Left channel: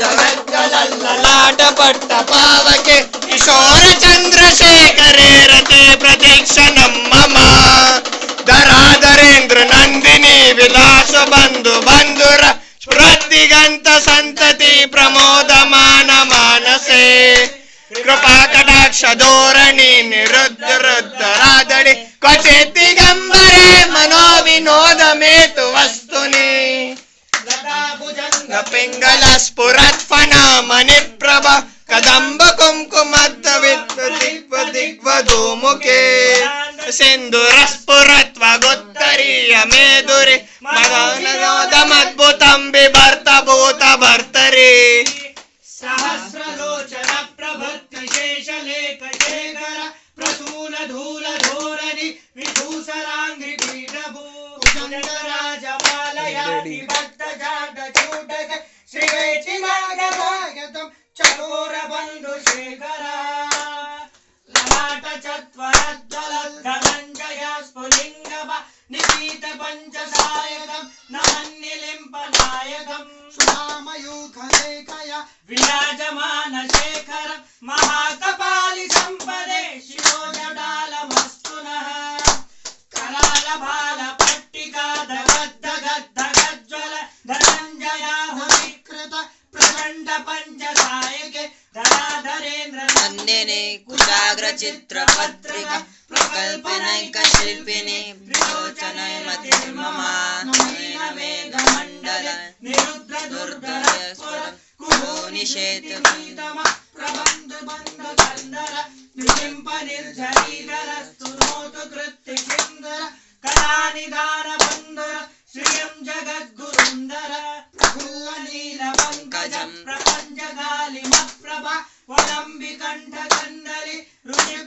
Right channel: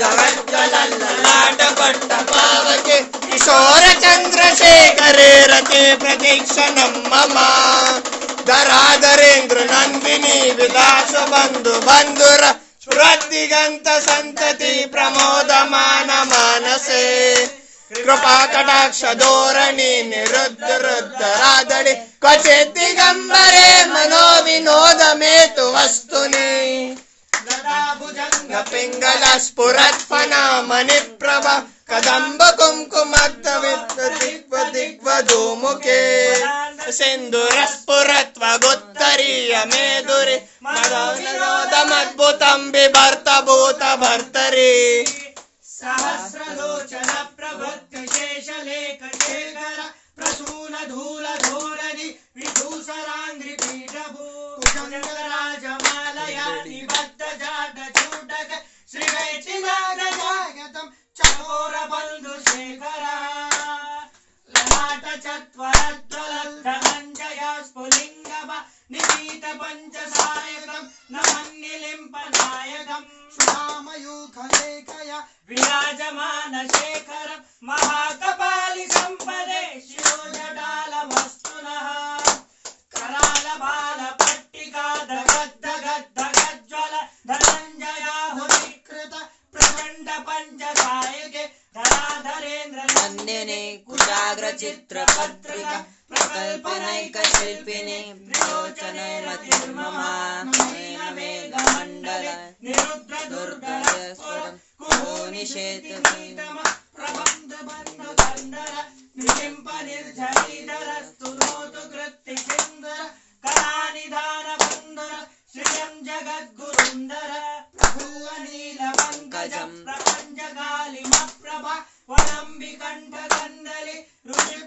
ಜವಜ್ಜಲಲ್ಲಾಟ ಪಟ್ಟ ಪಾವಕೆ ಕಿಶೋರ ಚಂದ್ರಶೇಖರೇ ರತೆ ಪ್ರತೀಕ್ಷ ನಮ್ಮಮ ಧರಾಧರೇಂದ್ರ ನಂದಿನಿ ವಿಲಾಸ ಬಂಧು ಬಂಧುರ ಸ್ಮೃತಿಗಂತ ಸಂತತಿ ಪ್ರಮೋದ ಮಾನ ಮಾನಸೆ ಕೃಪಾ ಕಟಾಕ್ಷ ಧೋರಣಿ ನಿರುದ್ಧ ರುದ್ಧರಾದಳಿ ಕ್ವಚಿತಿ ಗಂಬರೇ ಮನೋ ವಿನೋದ ಮೇತು ವಸ್ತುನಿ स्फुरत्फना मणिप्रभ कदम्ब कुङ्कुमद्द विद्व दिग्वधूमुखे सिन्दुरस्फुरत्व गुत्तरीय मेदुरि मदनोदमद्भुतं बिभर्त भूत भर्तरि सहस्रलोचन प्रभृत्य शेषलेख शेखर प्रसून धूल धोरणि विभूषराङ्घ्रि पीठभूषङ्गराजमालयाति स्फुलिङ्गव निपीतपञ्चसायकम् नान्निलिम्पनायकम् सुनामयूखलेखय विराजमानशेखरम् महाकपालिसम्पदे शिवो जडालमस्तु नः करालभालपट्टिका धगद्धगद्धगज्ज्वल धनञ्जयाहुविकृत प्रचण्ड पञ्चसायके धराधरेन्द्र नन्दिने कुजाग्रचित्रपत्रिका प्रकल्पनैकशिल्पिनी विलोचनमतिर्ममा नयन मेघमण्डल दुर्दयस्वरं कुहो निषेध प्रबन्ध बन्ध कन्दर निलिम्प निर्झरीधर स्तुनोतु कृत्ति सिन्दर कलानिधान बन्धर श्रियं जगद्गुरुन्दर प्रभुवनीलपङ्कजं प्रपञ्चकालिमप्रभा वलम्बिकण्ठ कन्दलि रुचिप्रबन्ध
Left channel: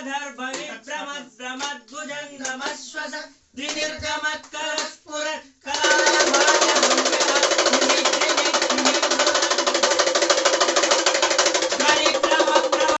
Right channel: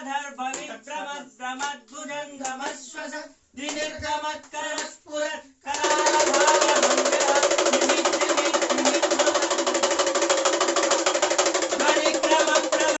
धर्म